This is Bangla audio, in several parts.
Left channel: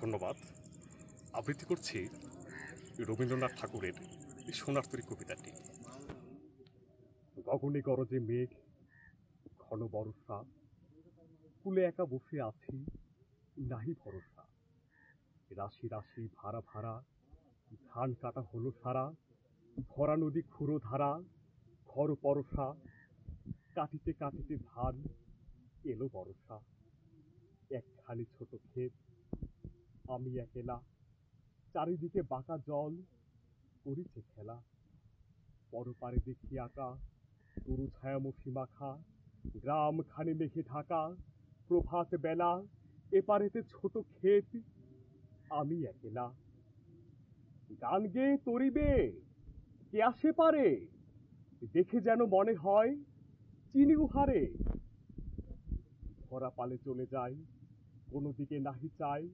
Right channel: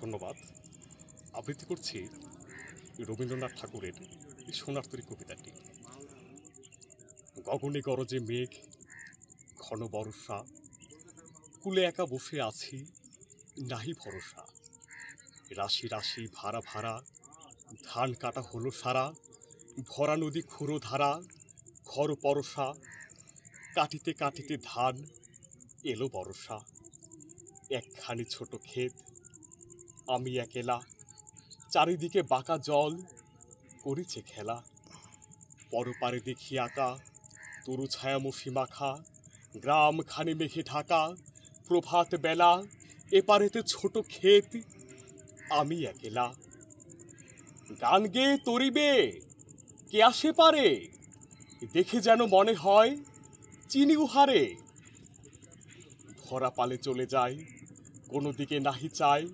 ধন্যবাদ। আবৃত্তি করছি রবীন্দ্রনাথ ঠাকুরের এই সোনার তরী কবিতাটি। গগনে গরজে মেঘ, ঘন বর্ষা, কুলে একা বসে আছি, নাহি ভরসা। রাশি রাশি ভাড়া ভাড়া, ধান কাটা হলো সারা, ভরা নদী খুঁড়ো ধারা, খর পরশা। কাটিতে কাটিতে ধান এলো বরষা। একখানি ছোট ক্ষেত, আমি একেলা, চারিদিকে বাঁকা জল করেছে খেলা। পরপারে দেখি আঁকা তরু ছায়ামশি মাখা, গ্রাম খানি মেঘে ঢাকা, প্রভাত বেলা, এপারেতে ছোট ক্ষেত, আমি একেলা। গান গেয়ে তরিবে কে আসে পারে, দেখে যেন মনে হয় চিনি উহারে। ভরা পালে চলে যায়, কোনো দিকে নাহি চায়,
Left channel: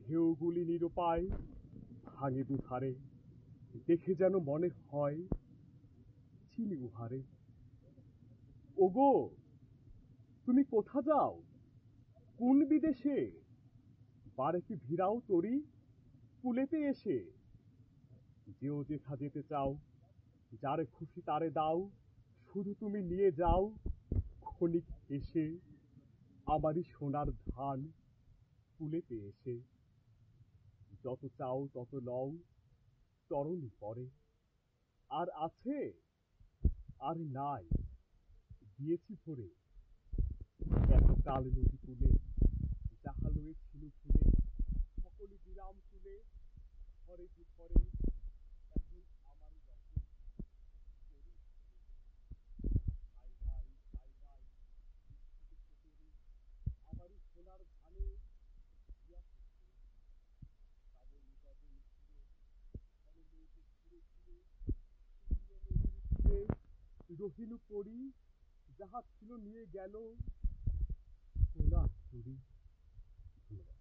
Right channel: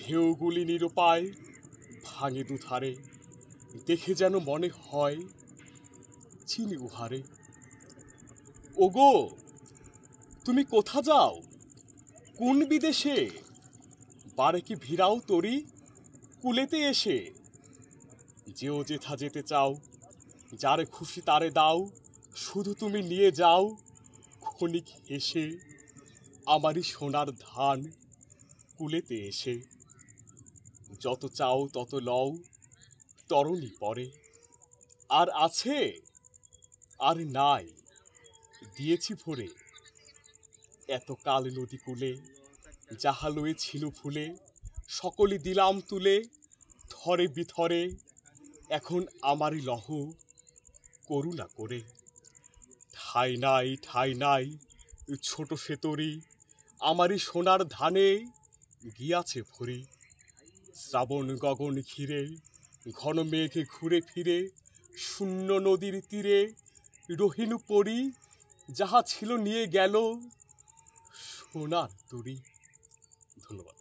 ঢেউগুলি নিরুপায় ভাঙে দুধারে, দেখে যেন মনে হয় চিনি উহারে। ওগো তুমি কোথা যাও, কোন বিদেশে, বারে কি ভিড়াও তরি কুলেতে এসে। যেও যেথা যেতে চাও, যারে খুশি তারে দাও, শুধু তুমি নিয়ে যাও ক্ষণিক হেসে আমারই সোনার ধান কুলেতে এসে। যত চাও তত লও, তরণী পরে, আর আছে আর নাই দিয়েছি ভরে। এত কাল নদী কূলে যাহা লয়ে ছিল ফুলে, সকলে দিলাম তুলে, থরে বিথরে, এখন আমারই লহ করুণা করে। ঠাই নাই ছোট সেতরি, আমারই সোনার ধানে গিয়াছে ভরি। শ্রাবণ গগন ঘিরে, ঘন মেঘে ঘুরে ফিরে, শূন্য নদীর তীরে রহিনু পরি, যাহা ছিল নিয়ে গেল সোনার তরী। ধন্যবাদ।